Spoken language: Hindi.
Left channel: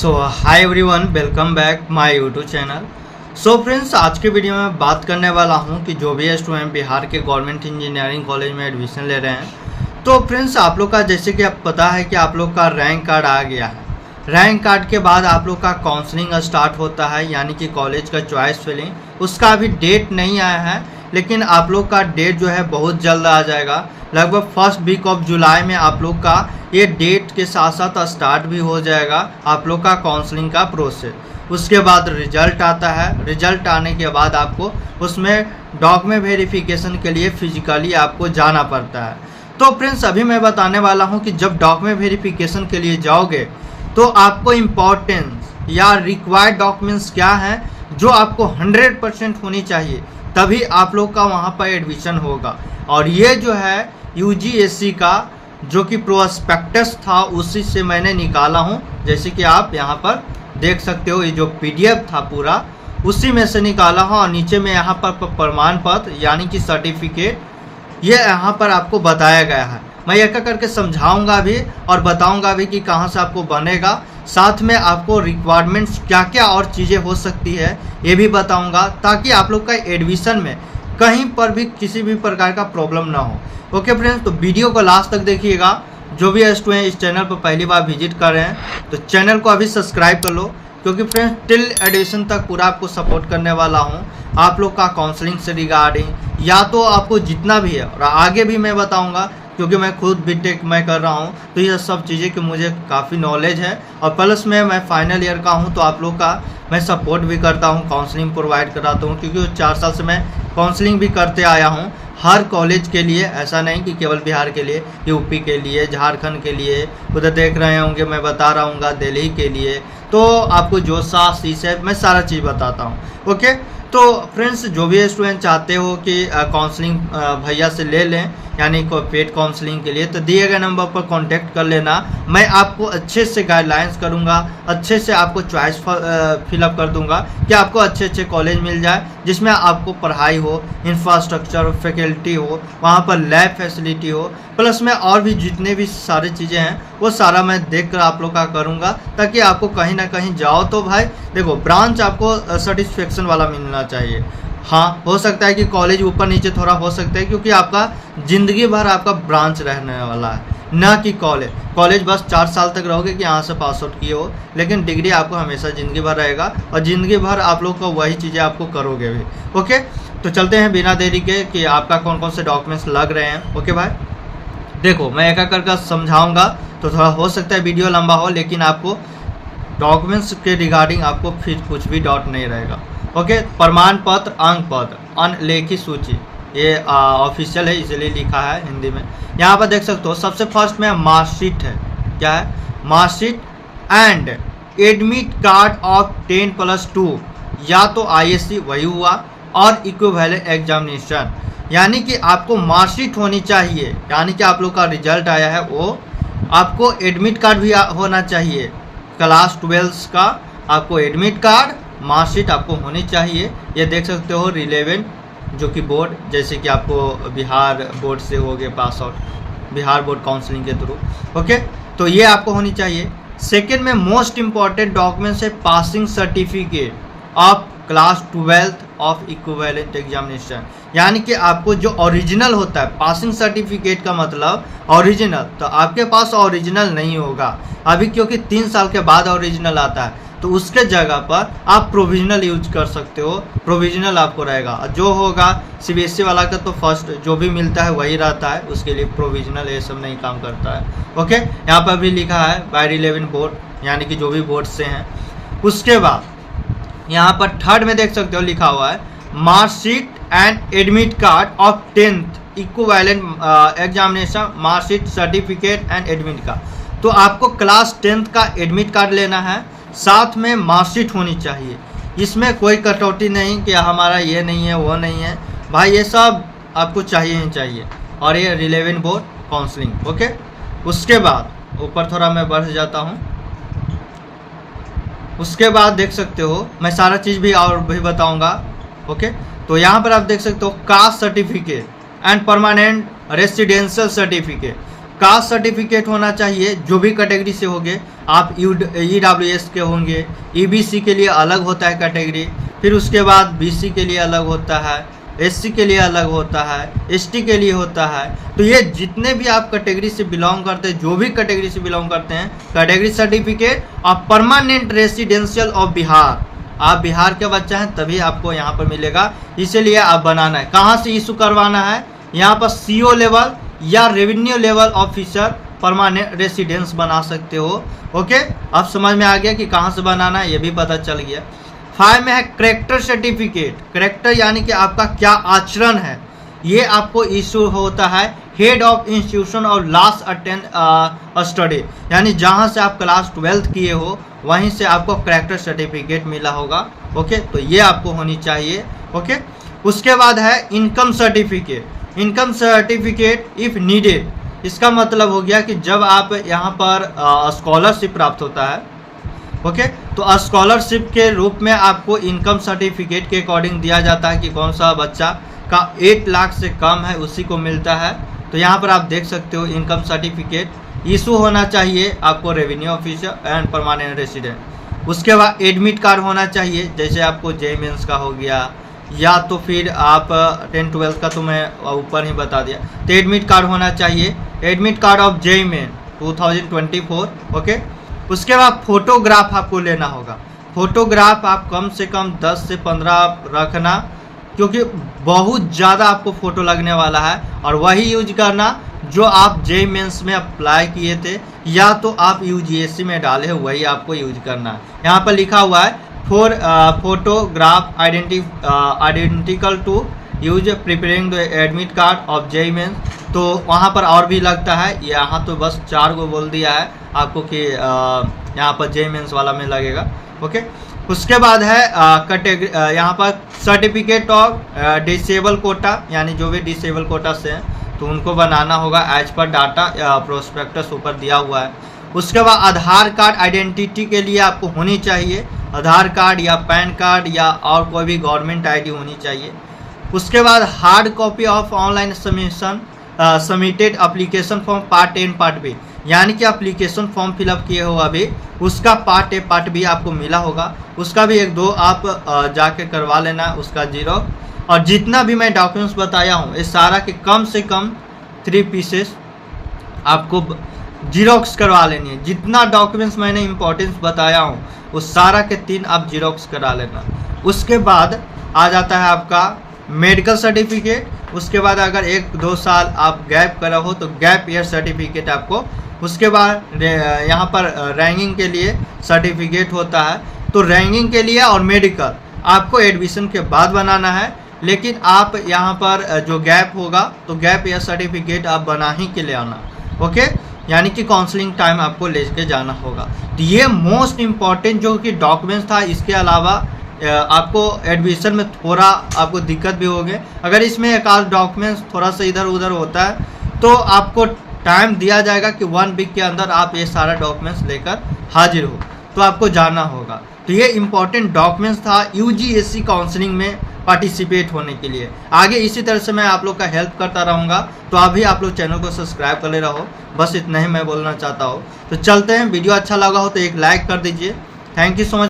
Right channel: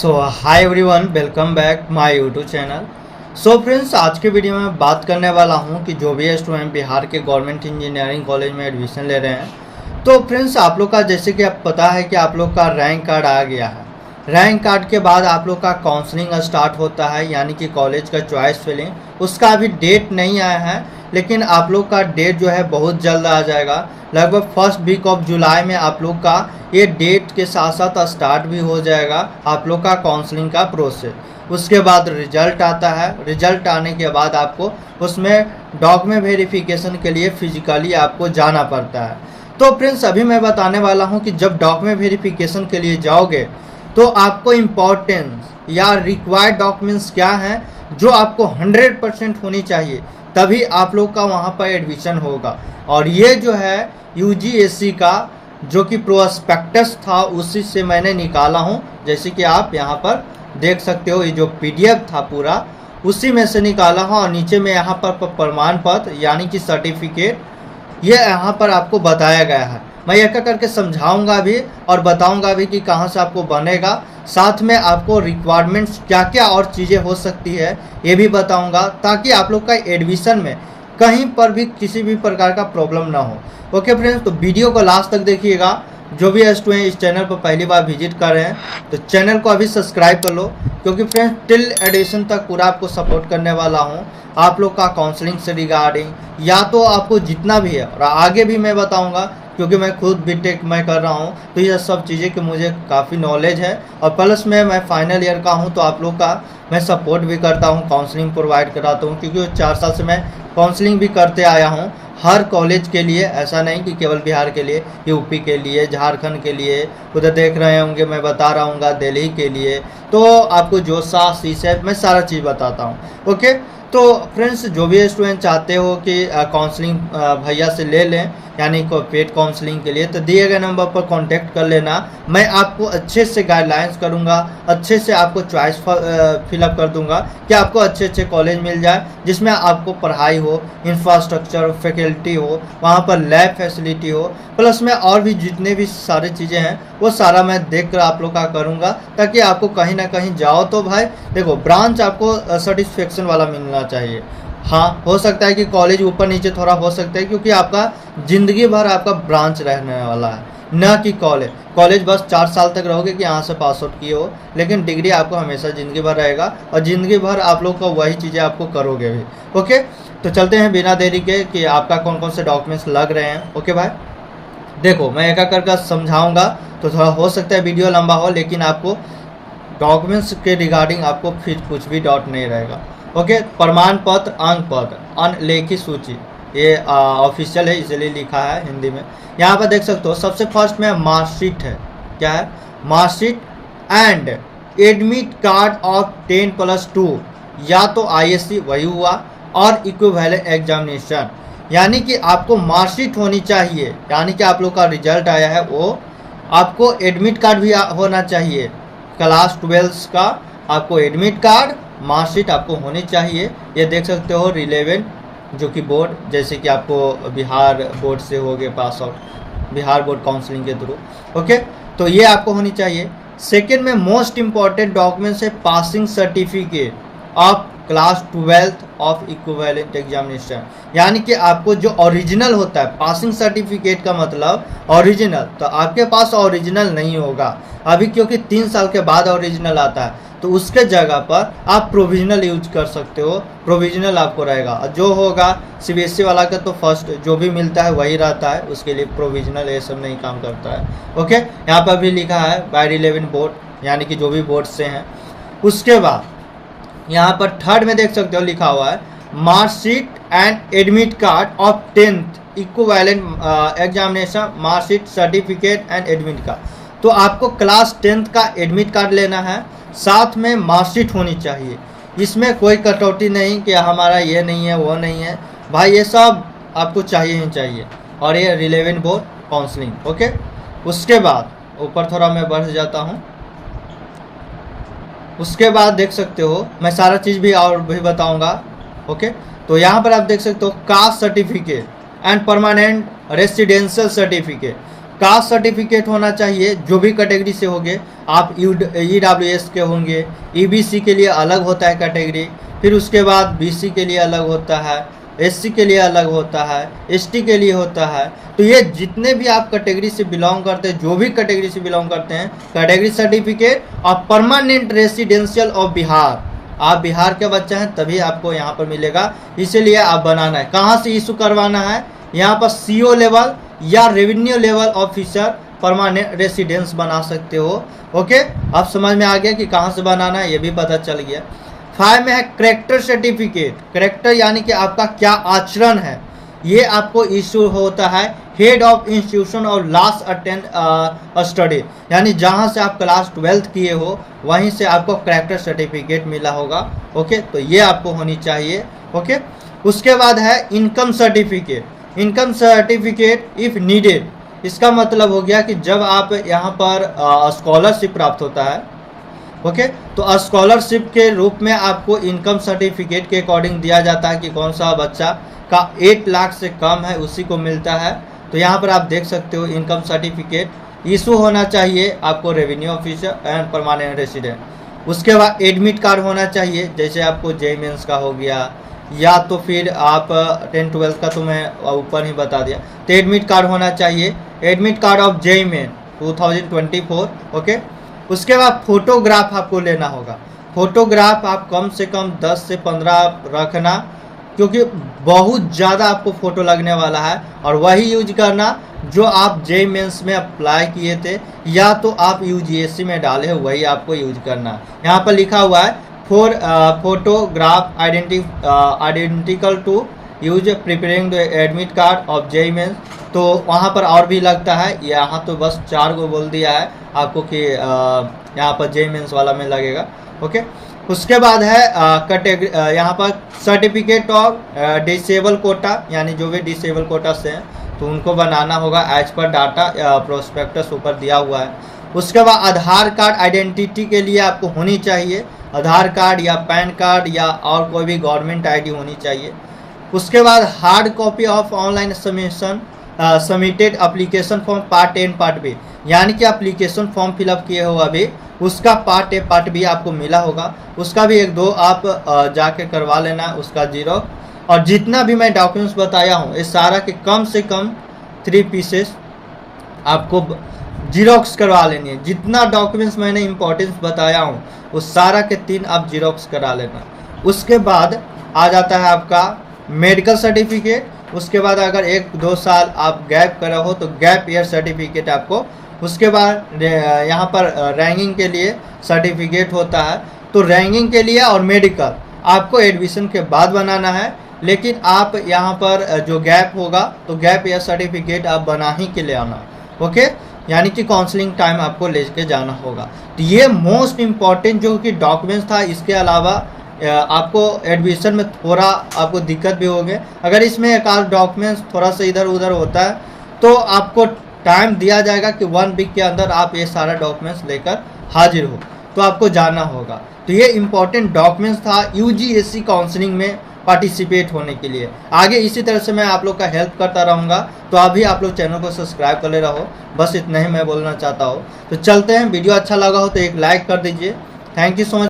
So hi everyone, welcome back my YouTube channel. So friends, आज के वीडियो में बात करने वाला हूं कि जो भी स्टूडेंट बिहार के गवर्नमेंट इंजीनियरिंग कॉलेज में एडमिशन ले रहे हैं, तो फ्रेंड्स आप लोग का जैसे कि आप पता है कि आप लोग का रैंक कार्ड आ गया है। रैंक कार्ड के बाद आप लोग का काउंसलिंग स्टार्ट होता है, यानी कि कॉलेज का चॉइस फिलिंग। उसका अभी डेट नहीं आया है, लेकिन आप लोग का डेट जो है बहुत जल्द आ जाएगा। लगभग फर्स्ट वीक ऑफ जुलाई में आप लोग का ये डेट के साथ साथ स्टार्ट भी हो जाएगा आप लोग का काउंसलिंग का प्रोसेस। उसके बाद रिजल्ट आता है। रिजल्ट आने के बाद आपको उसमें डॉक्यूमेंट वेरिफिकेशन के लिए फिजिकली आपको जाना पड़ता है। तो फ्रेंड्स, अभी मैं बताने वाला हूं कि जब डॉक्यूमेंट वेरिफिकेशन के लिए जाओगे तो आपको इम्पोर्टेंस या रिक्वायर्ड डॉक्यूमेंट्स क्या हैं जो आपको 100% होनी चाहिए, तभी आप लोग का वहां पर एडमिशन होगा। और ये जो है यूजीएससी का जो कि प्रोस्पेक्टस था, उसी से मैंने निकाला हूँ। जैसे कि आप यहाँ पर देख सकते हो, ये जो पीडीएफ था पूरा उसी में से निकाला हूँ। और नीचे में यहाँ पर प्रमाण पत्र यानी कि सर्टिफिकेट ये यहाँ पर आपको बताया गया है। मैं एक एक करके समझाऊंगा भी और बताऊंगा भी कि कहाँ से आपको बनेगा। साथ में आपको रिक्वायरमेंट्स क्या क्या और चीज़ें हो सकती है ये भी बताऊंगा, ताकि आप लोग का एडमिशन में कहीं पर भी किसी भी प्रकार का प्रॉब्लम ना हो। ओके फ्रेंड्स, तो वीडियो को लास्ट तक देखिएगा। जो भी स्टूडेंट इस चैनल पर पहली बार विजिट कर रहे हैं तो चैनल को अभी सब्सक्राइब कर लो, क्योंकि फ्रेंड्स टिल एडमिशन तक पूरा आपको सपोर्ट करने वाला हूं। आप लोग का काउंसलिंग से रिगार्डिंग या तो आपको जितना भी है, और आगे भी मैं बताऊंगा, क्योंकि मैं खुद बीटेक मैं कर रहा हूं, तो ये सब चीज़ें कि मुझे काफ़ी नॉलेज है। और प्लस में मैं फाइनल ईयर का हूं, तो आप लोग का मैं सपोर्ट भी करता हूं, काउंसलिंग प्रोवाइड कराता हूं, क्योंकि 4 साल से मैं काउंसलिंग भी करते आया हूं हर कॉलेज के लिए। ऐसा नहीं कि केवल बिहार के लिए, यूपी के लिए, झारखंड के लिए, उधर देख रहे होंगे मैं बता रहा हूँ दिल्ली के लिए। तो आपको जो सा सीसेट मैं सारा चीज़ बताता हूँ। ओके, तो फ्रेंड्स जो भी स्टूडेंट चाहते हो कि काउंसलिंग भैया से ले लें, यानी को पेड काउंसलिंग के लिए, तो दिए गए नंबर पर कांटेक्ट कर लेना। मैं आपको अच्छे से गाइडलाइंस करूंगा, अच्छे से आपको चॉइस फिलअप कर दूंगा कि आपको अच्छे अच्छे कॉलेज मिल जाए, जिसमें आपको पढ़ाई हो, इंफ्रास्ट्रक्चर फैकल्टी हो, वहाँ पर लैब फैसिलिटी हो, प्लस में और भी जितने भी सारी चीज़ें हैं वो सारा मैं देख कर आप लोग का करूँगा, ताकि आपको कहीं ना कहीं जाओ तो भाई देखो ब्रांच आपको सेटिस्फेक्शन वाला मिलना चाहिए। हाँ, हो सकता है कि कॉलेज ऊपर नीचे थोड़ा हो सकता है, क्योंकि आपका जिंदगी भर आपका ब्रांच रहने वाला है, न कि कॉलेज बस 4 साल तक रहोगे कि यहाँ से पास आउट किए हो, लेकिन डिग्री आपको हमेशा ज़िंदगी भर रहेगा, और ज़िंदगी भर आप लोग का वही चीज़ें आपको करोगे भी। ओके, तो चलते हैं बिना देरी के कि आपका कौन कौन से डॉक्यूमेंट्स लग रहे हैं। ओके भाई, देखो मैं एक एक करके समझाऊंगा, तो थोड़ा हो सकता है वीडियो लंबा हो, लेकिन आपको डॉक्यूमेंट्स के रिगार्डिंग आपको फिर कुछ भी डाउट नहीं रहेगा। ओके, प्रमाण पत्र, अंक पत्र, अनलेखी सूची, ये ऑफिशियल है इसलिए लिखा है हिंदी में। यहाँ पर देख सकते हो सबसे फर्स्ट में मार्कशीट है। क्या है? Marksheet and admit card of 10+2, या तो आईएससी वही हुआ, और इक्विवेलेंट एग्जामिनेशन, यानी कि आपको मार्कशीट होनी चाहिए, यानी कि आप लोग का रिजल्ट आया है वो, आपको एडमिट कार्ड भी होना चाहिए। क्लास 12 का आपको एडमिट कार्ड, मार्कशीट आपको होनी चाहिए। ये देख सकते हो रिलेवेंट जो कि बोर्ड, जैसे कि आपको बिहार बोर्ड से हो गए pass out, Bihar board counselling के थ्रू। ओके, तो ये आपको होनी चाहिए। सेकेंड में मोस्ट इम्पॉर्टेंट डॉक्यूमेंट्स है passing certificate of class 12 of equivalent examination, यानी कि आपको जो ओरिजिनल होता है, पासिंग सर्टिफिकेट का मतलब ओरिजिनल, तो आपके पास ओरिजिनल नहीं होगा अभी, क्योंकि 3 साल के बाद ओरिजिनल आता है, तो उसके जगह पर आप प्रोविजनल यूज कर सकते हो। प्रोविजनल आपको रहेगा, जो होगा सीबीएसई वाला का तो फर्स्ट जो भी मिलता है वही रहता है, उसके लिए प्रोविजनल ये सब नहीं काम करता है। ओके, यहाँ पर भी लिखा है बाय रिलेवेंट बोर्ड, यानी कि जो भी बोर्ड से हैं। उसके बाद यहाँ पर थर्ड में देख सकते हो लिखा हुआ है marksheet and admit card of 10th equivalent examination, marksheet certificate and admit card. तो आपको क्लास 10th का एडमिट कार्ड लेना है, साथ में मार्कशीट होनी चाहिए। इसमें कोई कटौती नहीं कि हमारा ये नहीं है वो नहीं है, भाई ये सब आपको चाहिए ही चाहिए। और ये रिलेवेंट बोर्ड काउंसलिंग। ओके, उसके बाद ऊपर थोड़ा मैं बढ़ जाता हूँ। उसके बाद देख सकते हो मैं सारा चीज़ भी और भी बताऊंगा। ओके, तो यहाँ पर आप देख सकते हो caste certificate and permanent residential certificate. Caste certificate होना चाहिए, जो भी कैटेगरी से होंगे। आप EWS के होंगे, EBC के लिए अलग होता है कैटेगरी, फिर उसके बाद BC के लिए अलग होता है, SC के लिए अलग होता है, ST के लिए होता है। तो ये जितने भी आप कैटेगरी से बिलोंग करते हैं, जो भी कैटेगरी से बिलोंग करते हैं, कैटेगरी सर्टिफिकेट और परमानेंट रेसिडेंशियल ऑफ बिहार, आप बिहार के बच्चे हैं तभी आपको यहाँ पर मिलेगा, इसीलिए आप बनाना है। कहाँ से इशू करवाना है? यहाँ पर CO लेवल या revenue level officer permanent residence बना सकते हो। ओके, अब समझ में आ गया कि कहाँ से बनाना है, ये भी पता चल गया। 5 में है करेक्टर सर्टिफिकेट। करेक्टर यानी कि आपका क्या आचरण है, ये आपको इशू होता है हेड ऑफ इंस्टीट्यूशन और लास्ट अटेंड स्टडी, यानी जहाँ से आप क्लास 12th किए हो वहीं से आपको करेक्टर सर्टिफिकेट मिला होगा। ओके, तो ये आपको होनी चाहिए। ओके, उसके बाद है income certificate. Income certificate if needed, इसका मतलब हो गया कि जब आप यहाँ पर स्कॉलरशिप प्राप्त होता है, ओके, तो स्कॉलरशिप के रूप में आपको इनकम सर्टिफिकेट के अकॉर्डिंग दिया जाता है कि कौन सा बच्चा का 8 लाख से कम है उसी को मिलता है। तो यहाँ पर आप देख सकते हो इनकम सर्टिफिकेट इशू होना चाहिए आपको revenue officer and permanent resident. उसके बाद एडमिट कार्ड होना चाहिए, जैसे आपको JEE मेंस का हो गया, या तो फिर आप 10th 12th का तो मैं ऊपर ही बता दिया, तो एडमिट कार्ड होना चाहिए। Admit card of JEE main 2024। Okay, उसके बाद फोटोग्राफ आपको लेना होगा। फोटोग्राफ आप कम से कम 10 से 15 रखना, क्योंकि बहुत ज़्यादा आपको फ़ोटो लगने वाला है, और वही यूज करना जो आप JEE मेंस में अप्लाई किए थे या तो आप UGSC में डाले हो, वही आपको यूज करना है। यहाँ पर लिखा हुआ है for photograph identical to use preparing the admit card of JEE mains. तो वहाँ पर और भी लगता है, यहाँ तो बस 4 को बोल दिया है आपको कि यहाँ पर JEE मेंस वाला में लगेगा। ओके, उसके बाद है कैटेगरी, यहाँ पर सर्टिफिकेट ऑफ डिसेबल कोटा, यानी जो भी डिसेबल कोटा से हैं तो उनको बनाना होगा एज पर डाटा प्रोस्पेक्टस ऊपर दिया हुआ है। उसके बाद आधार कार्ड आइडेंटिटी के लिए आपको होनी चाहिए, आधार कार्ड या पैन कार्ड या और कोई भी गवर्नमेंट ID होनी चाहिए। उसके बाद hard copy of online submission submitted application form part A part B, यानी कि एप्लीकेशन फॉर्म फिलअप किए हो अभी, उसका पार्ट A पार्ट B आपको मिला होगा, उसका भी 1-2 आप जाके करवा लेना, उसका जीरोक्स। और जितना भी मैं डॉक्यूमेंट्स बताया हूँ ये सारा के कम से कम 3 पीसेस आपको जीरोक्स करवा लेनी है। जितना डॉक्यूमेंट्स मैंने इंपॉर्टेंस बताया हूँ उस सारा के 3 आप जीरोक्स करा लेना। उसके बाद आ जाता है आपका मेडिकल सर्टिफिकेट। उसके बाद अगर 1-2 साल आप गैप करा हो तो गैप ईयर सर्टिफिकेट आपको। उसके बाद यहाँ पर रैंकिंग के लिए सर्टिफिकेट होता है, तो रैंकिंग के लिए और मेडिकल आपको एडमिशन के बाद बनाना है, लेकिन आप यहाँ पर जो गैप होगा तो गैप ईयर सर्टिफिकेट आप बना ही के ले आना। ओके, यानी कि काउंसलिंग टाइम आपको लेके जाना होगा। तो ये मोस्ट इम्पॉर्टेंट जो कि डॉक्यूमेंट्स था। इसके अलावा आपको एडमिशन में थोड़ा आपको दिक्कत भी होगी, अगर इसमें एक आध डॉक्यूमेंट्स थोड़ा सा इधर उधर होता है तो आपको टाइम दिया जाएगा कि 1 वीक के अंदर आप ये सारा डॉक्यूमेंट्स लेकर हाजिर हो, तो आपको जाना होगा। तो ये इम्पॉर्टेंट डॉक्यूमेंट्स था UGSC काउंसलिंग में पार्टिसिपेट होने के लिए। आगे इसी तरह से मैं आप लोग का हेल्प करता रहूँगा, तो अभी आप लोग चैनल को सब्सक्राइब कर ले रहो, बस इतना ही मैं बोलना चाहता हूँ। तो चलते हैं, वीडियो अच्छा लगा हो तो एक लाइक कर दीजिए। Thank you so much.